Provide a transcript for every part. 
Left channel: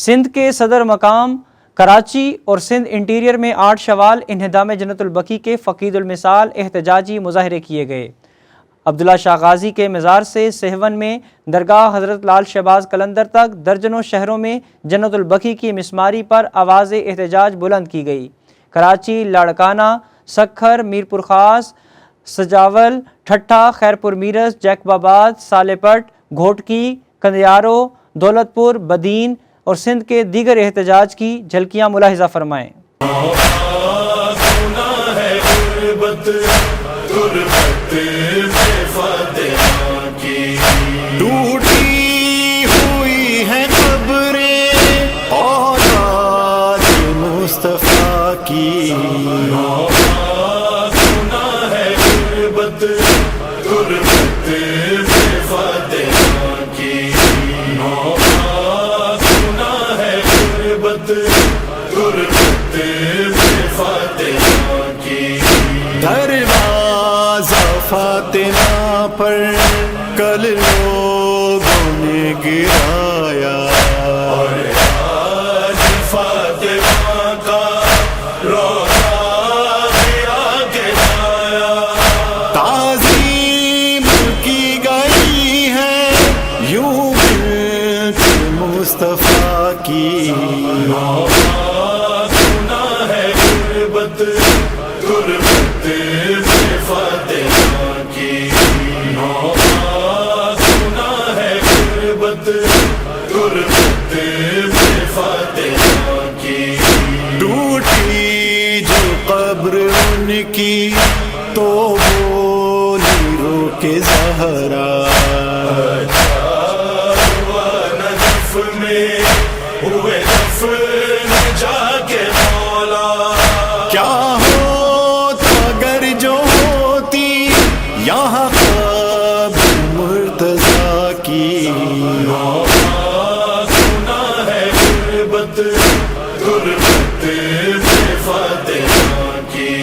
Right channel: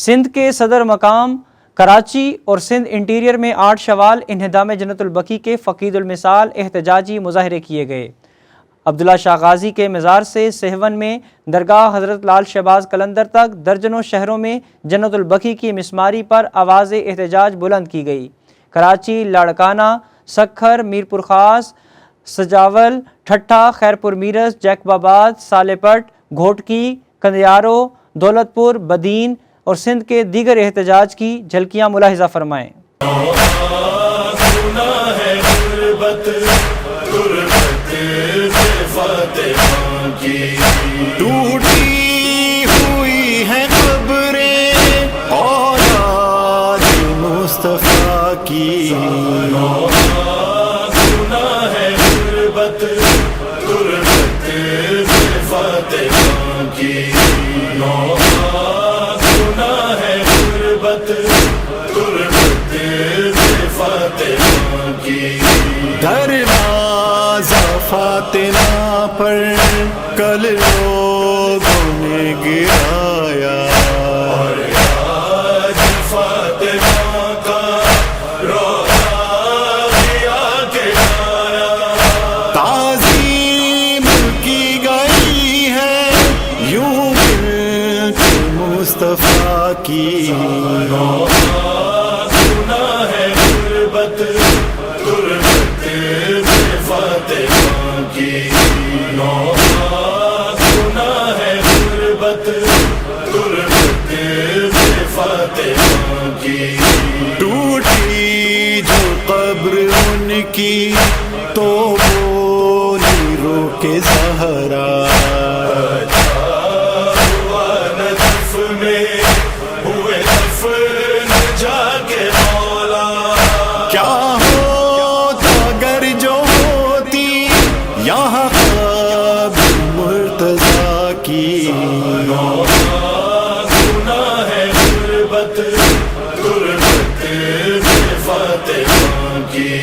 سندھ کے صدر مقام کراچی اور سندھ انٹیریئر میں 8 شوال انہدام جنت البقیع کے فقید المثال احتجاجی مظاہرے کیے گئے۔ عبداللہ شاہ غازی کے مزار سے سہون میں درگاہ حضرت لال شہباز قلندر تک درجنوں شہروں میں جنت البقیع کی مسماری پر آواز احتجاج بلند کی گئی۔ کراچی، لاڑکانہ، سکھر، میرپور خاص، سجاول، ٹھٹھہ، خیرپور میرس، جیکب آباد، سالے پٹ، گھوٹکی، کندیارو، دولت پور، بدین اور سندھ کے دیگر احتجاج کی جھلکیاں ملاحظہ فرمائیں۔ ٹوٹی ہوئی ہے قبریں اولاد مصطفیٰ کی، سنا ہے غربت غربت فاتحہ کی، سنا ہے غربت غربت فاتحہ کی۔ دروازہ فاطمہ پر کل لوگوں نے گرایا، اور آج فاطمہ کا روضہ بھی آ کے آیا۔ تعظیم کی گئی ہے یوں بنت مصطفیٰ کی، سنا ہے غربت غربت فاتحہ کی، سنا ہے غربت غربت فاتحہ کی۔ ٹوٹی جو قبر ان کی تو بولی رو کے زہرا، نجف میں ہوئے دفن جا کے مولا، کیا ہوتا گر جو ہوتی یہاں قبر مرتضیٰ کی، سنا ہے غربت غربت فاتحہ کی،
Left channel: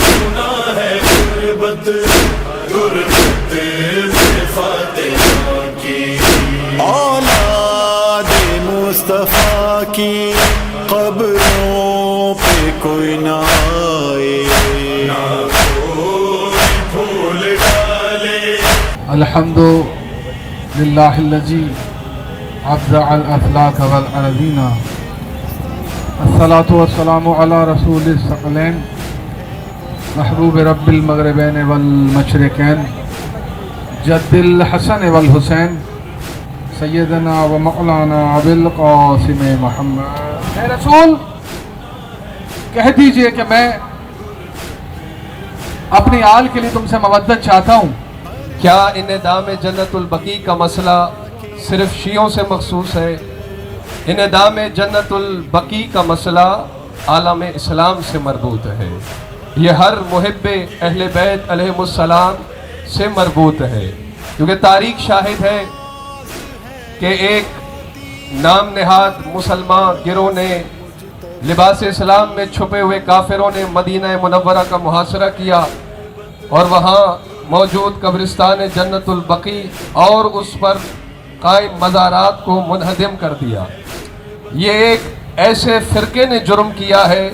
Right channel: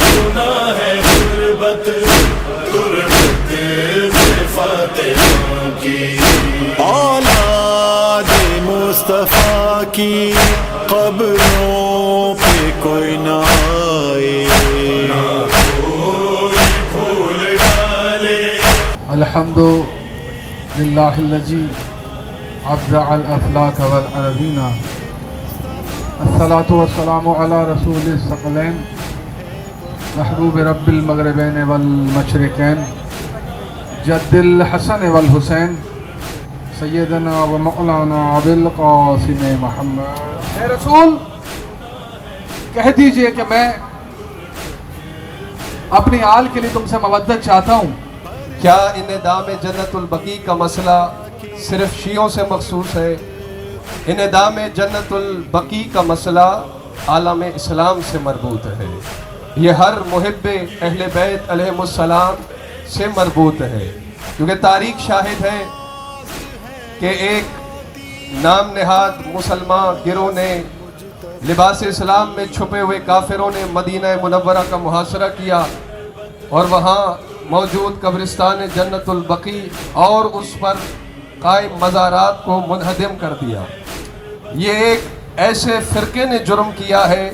سنا ہے غربت غربت فاتحہ کی۔ اولاد مصطفیٰ کی قبروں پہ کوئی نہ آئے، الحمد للہ الذی ابدع الافلاک والارضین، الصلاۃ والسلام علی رسول الثقلین محبوب رب المغربین والمشرقین، جد الحسن والحسین، سیدنا و مولانا ابو القاسم محمد۔ اے رسول کہہ دیجئے کہ میں اپنی آل کے لیے تم سے مودت چاہتا ہوں۔ کیا انہدام جنت البقیع کا مسئلہ صرف شیعوں سے مخصوص ہے؟ انہدام جنت البقیع کا مسئلہ عالم اسلام سے مربوط ہے، یہ ہر محب اہل بیت علیہ السلام سے مربوط ہے، کیونکہ تاریخ شاہد ہے کہ ایک نام نہاد مسلمان گروہ نے لباس اسلام میں چھپے ہوئے کافروں نے مدینہ منورہ کا محاصرہ کیا اور وہاں موجود قبرستان جنت البقیع اور اس پر قائم مزارات کو منہدم کر دیا۔ یہ ایک ایسے فرقے نے جرم کیا ہے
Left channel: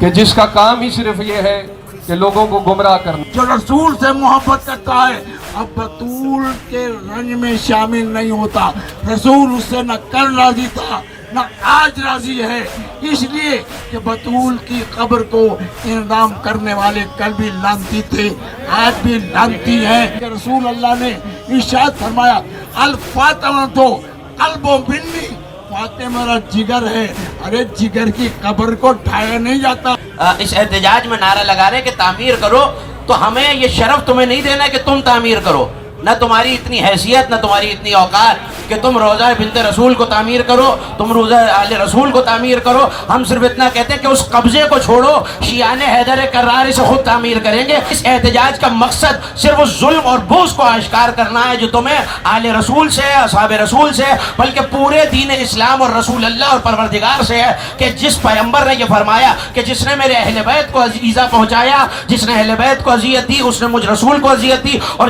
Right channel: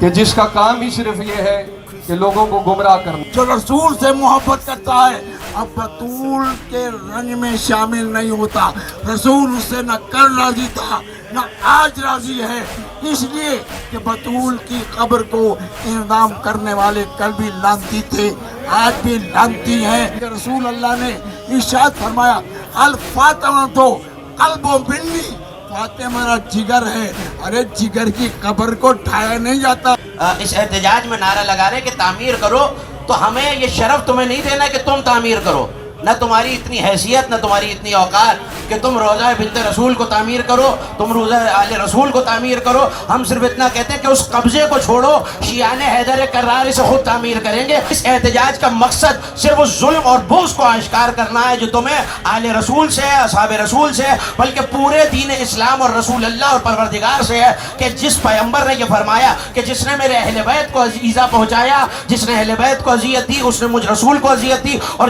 کہ جس کا کام ہی صرف یہ ہے کہ لوگوں کو گمراہ کرنا۔ جو رسول سے محبت کرتا ہے اب بطول کے رنج میں شامل نہیں ہوتا، رسول اس سے نہ کل راضی تھا نہ آج راضی ہے، اس لیے کہ بطول کی قبر کو انعدام کرنے والے کل بھی لعنتی تھے، آج بھی لعنتی ہیں۔ رسول اللہ نے ارشاد فرمایا الفاطمہ تو قلب و منی، فاطمہ میرا جگر ہے، ارے جگر کی قبر کو ڈھایا نہیں جاتا۔ اس احتجاج میں نعرہ لگا رہے کہ تعمیر کرو، تو ہمیں یہ شرف تمہیں نہیں دینا کہ تم تعمیر کرو، نہ تمہاری اتنی حیثیت نہ تمہاری اتنی اوقات کہ تم روضہ بنت رسول کو تعمیر کرو، تم روضہ آل رسول کو تعمیر کرو۔ ہم صرف اتنا کہتے ہیں کہ اس قبضے کو چھوڑو، شیعان حیدر کرار سے خود تعمیر کریں گے۔ اس احتجاج کا مقصد صرف اس ظلم اور بغض کو آشکار کرنا ہے جو تمہیں آل رسول سے، اصحاب رسول سے، بلکہ پورے دین اسلام اور رسول اللہ اور پروردگار سے ہے، کہ جس پیغمبر نے یہ فرمایا کہ جس نے میرے اہل بیت کو ایذا پہنچایا، جس نے اہل بیت کو اذیت دی، اس نے مجھ رسول کو اذیت دی، اور